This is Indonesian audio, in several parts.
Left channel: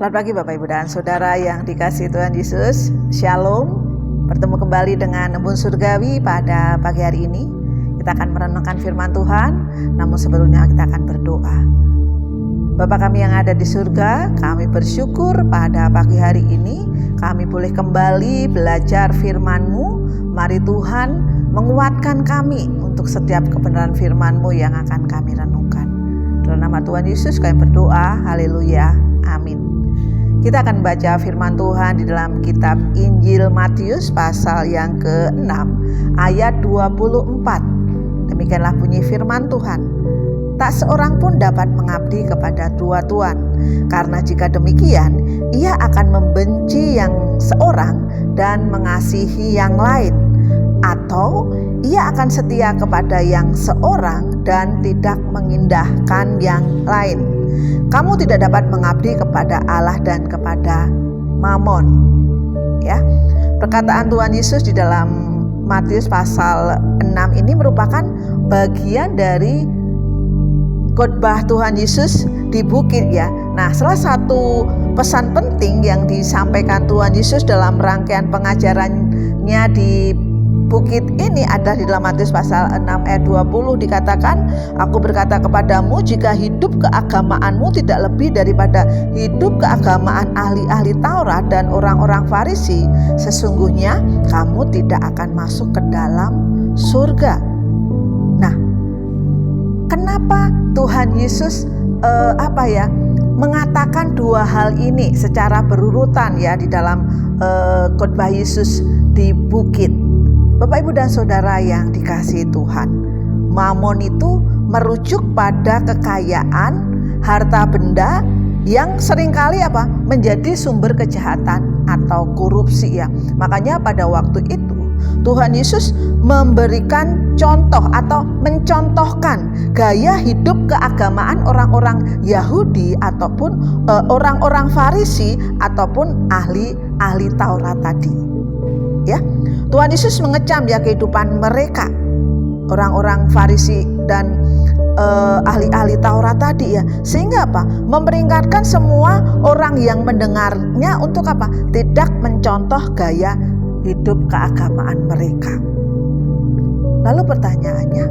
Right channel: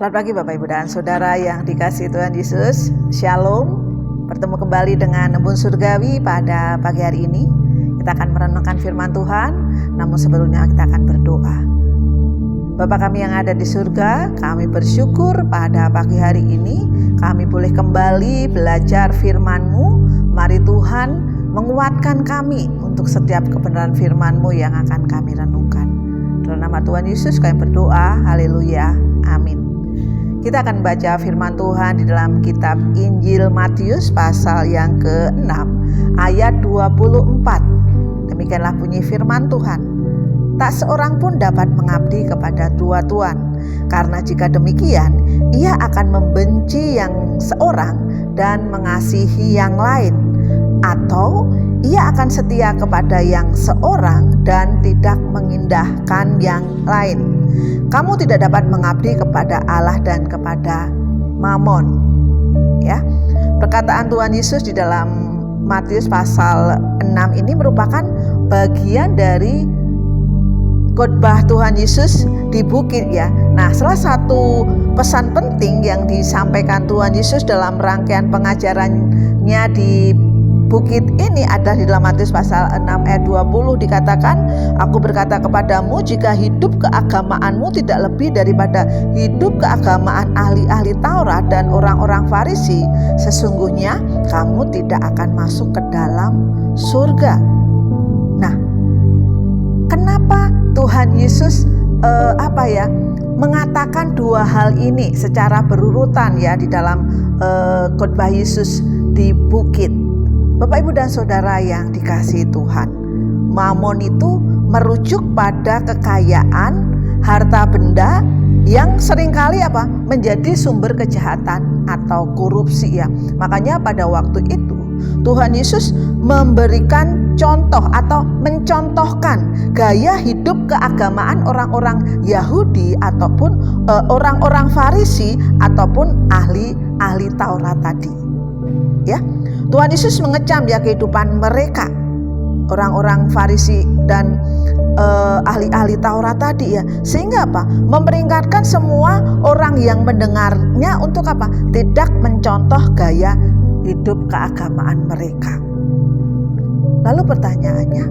Selamat pagi Bapak Ibu dan Saudara yang dikasihi Tuhan Yesus. Shalom. Bertemu kembali dengan Embun Surgawi pada pagi hari ini. Kita akan merenungkan firman Tuhan, namun sebelumnya kita akan berdoa. Bapa kami yang ada di surga, kami bersyukur pada pagi hari ini kami boleh kembali belajar firman-Mu. Mari Tuhan menguatkan kami untuk setiap kebenaran firman-Mu yang akan kami renungkan. Dalam nama Tuhan Yesus kami berdoa, haleluya, amin. Kita akan baca firman Tuhan di dalam kitab Injil Matius pasal yang ke-6 ayat 24. Demikianlah bunyi firman Tuhan. Tak seorang pun dapat mengabdi kepada dua tuan, karena jika demikian ia akan membenci yang seorang dan mengasihi yang lain, atau ia akan setia kepada yang seorang dan tidak mengindahkan yang lain. Kamu tidak dapat mengabdi kepada Allah dan kepada Mamon. Ya. Perkataan Tuhan Yesus di dalam Matius pasal 6 ini merupakan bagian dari khotbah Tuhan Yesus di bukit ya. Nah, salah satu pesan penting yang disampaikan Tuhan Yesus dalam rangkaian pengajarannya di bukit ini ada di dalam Matius pasal 6 ayat 20 dikatakan, Aku berkata kepadamu, jika hidup keagamaanmu tidak lebih daripada hidup keagamaan ahli-ahli Taurat dan orang-orang Farisi, sesungguhnya kamu tidak akan masuk ke dalam surga. Nah, kenapa Tuhan Yesus mengatakan dua hal ini secara berurutan ya di dalam khotbah Yesus di bukit? Bapak, Ibu, dan Saudara yang dikasihi Tuhan, Mamon itu merujuk pada kekayaan, harta benda yang seringkali menjadi sumber kejahatan atau korupsi ya. Makanya pada waktu itu Tuhan Yesus memberikan contoh atau mencontohkan gaya hidup keagamaan orang-orang Yahudi ataupun orang-orang Farisi ataupun ahli Taurat tadi. Ya. Tuhan Yesus mengecam ya kehidupan mereka, orang-orang Farisi dan ahli-ahli Taurat tadi ya, sehingga memperingatkan semua orang yang mendengarnya untuk tidak mencontoh gaya hidup keagamaan mereka. Lalu pertanyaannya,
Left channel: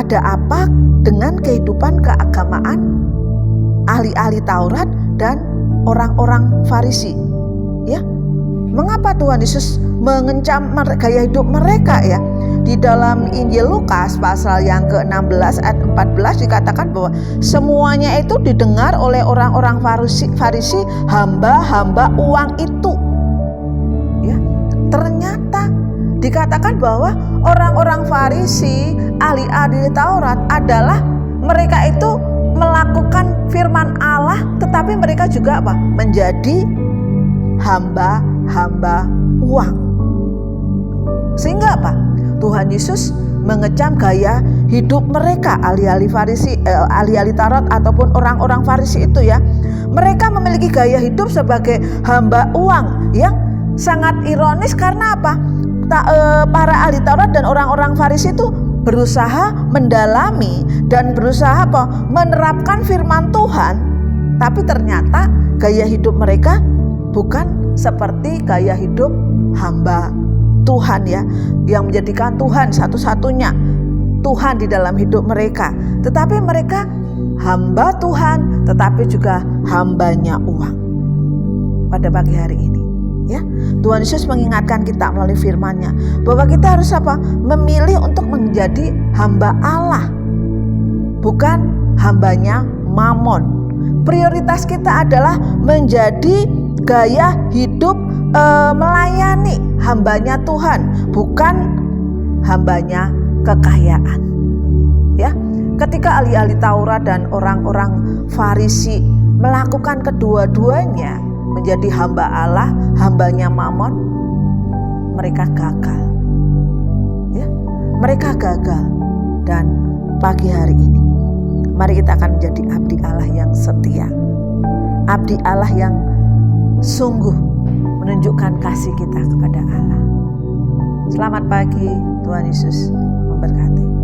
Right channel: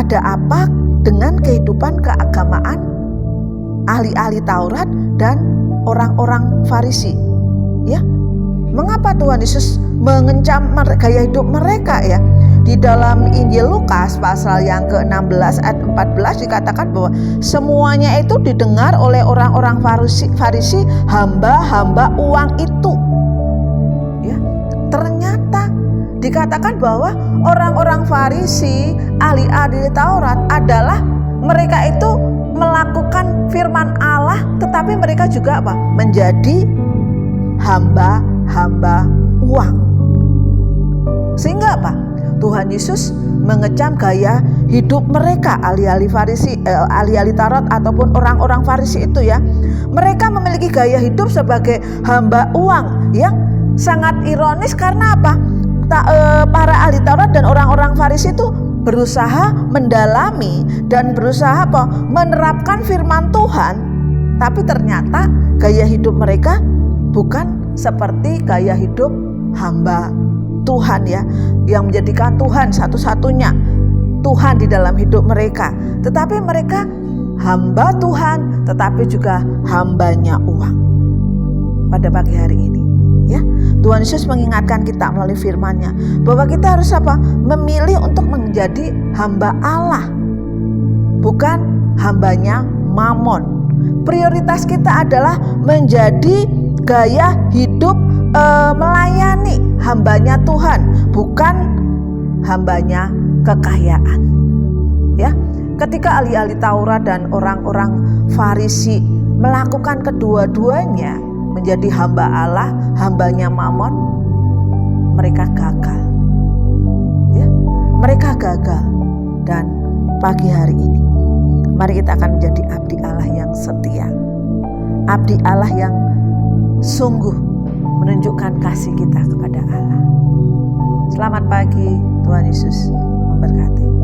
ada apa dengan kehidupan keagamaan ahli-ahli Taurat dan orang-orang Farisi? Ya. Mengapa Tuhan Yesus mengecam gaya hidup mereka ya? Di dalam Injil Lukas pasal yang ke-16 ayat 14 dikatakan bahwa semuanya itu didengar oleh orang-orang Farisi hamba-hamba uang itu. Ya, ternyata dikatakan bahwa orang-orang Farisi, ahli-ahli Taurat adalah mereka itu melakukan firman Allah, tetapi mereka juga menjadi hamba uang. Sehingga Tuhan Yesus mengecam gaya hidup mereka, ahli-ahli Farisi, ahli-ahli Taurat ataupun orang-orang Farisi itu ya. Mereka memiliki gaya hidup sebagai hamba uang yang sangat ironis karena para ahli Taurat dan orang-orang Farisi itu berusaha mendalami dan berusaha menerapkan firman Tuhan, tapi ternyata gaya hidup mereka bukan seperti gaya hidup hamba Tuhan ya, yang menjadikan Tuhan satu-satunya Tuhan di dalam hidup mereka. Tetapi mereka hamba Tuhan, tetapi juga hambanya uang. Pada pagi hari ini ya, Tuhan Yesus mengingatkan kita melalui firman-Nya bahwa kita harus memilih untuk menjadi hamba Allah, bukan hambanya Mamon. Prioritas kita adalah menjadi gaya hidup melayani hambanya Tuhan, bukan hambanya kekayaan. Ya, ketika ahli-ahli Taurat dan orang-orang Farisi melakukan kedua-duanya menjadi hamba Allah, hambanya Mamon, mereka gagal. Ya, mereka gagal. Dan pagi hari ini, mari kita akan menjadi abdi Allah yang setia, abdi Allah yang sungguh menunjukkan kasih kita kepada Allah. Selamat pagi, Tuhan Yesus memberkati.